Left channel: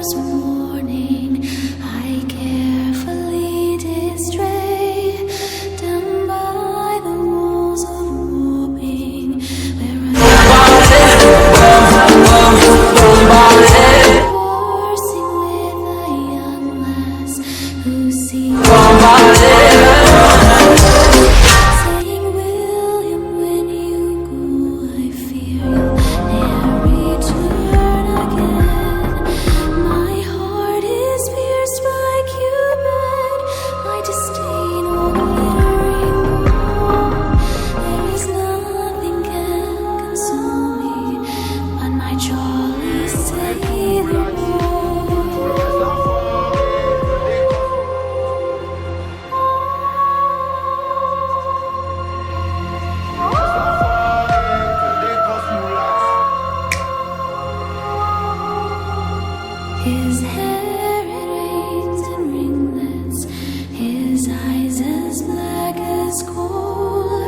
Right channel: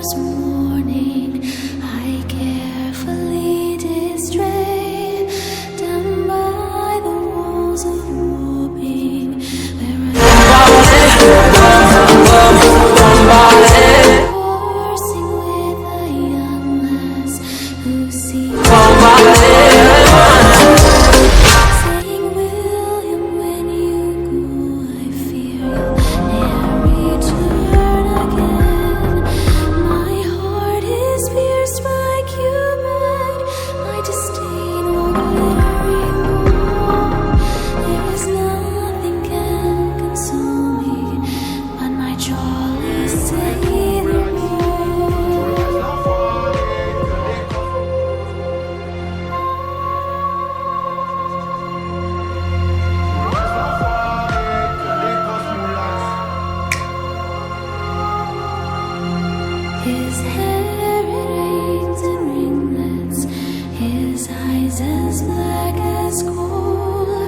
first morning, I carefully did stray down by the walls of warping, where I coursing with a young lass who seemed saying, William, when you go, I fear you'll never return again. My heart is pierced by Cupid, I disdain all glittering gold. There is nothing can console me but my jolly sailor boy. His hair it rings in ringlets, his eyes as black as coal,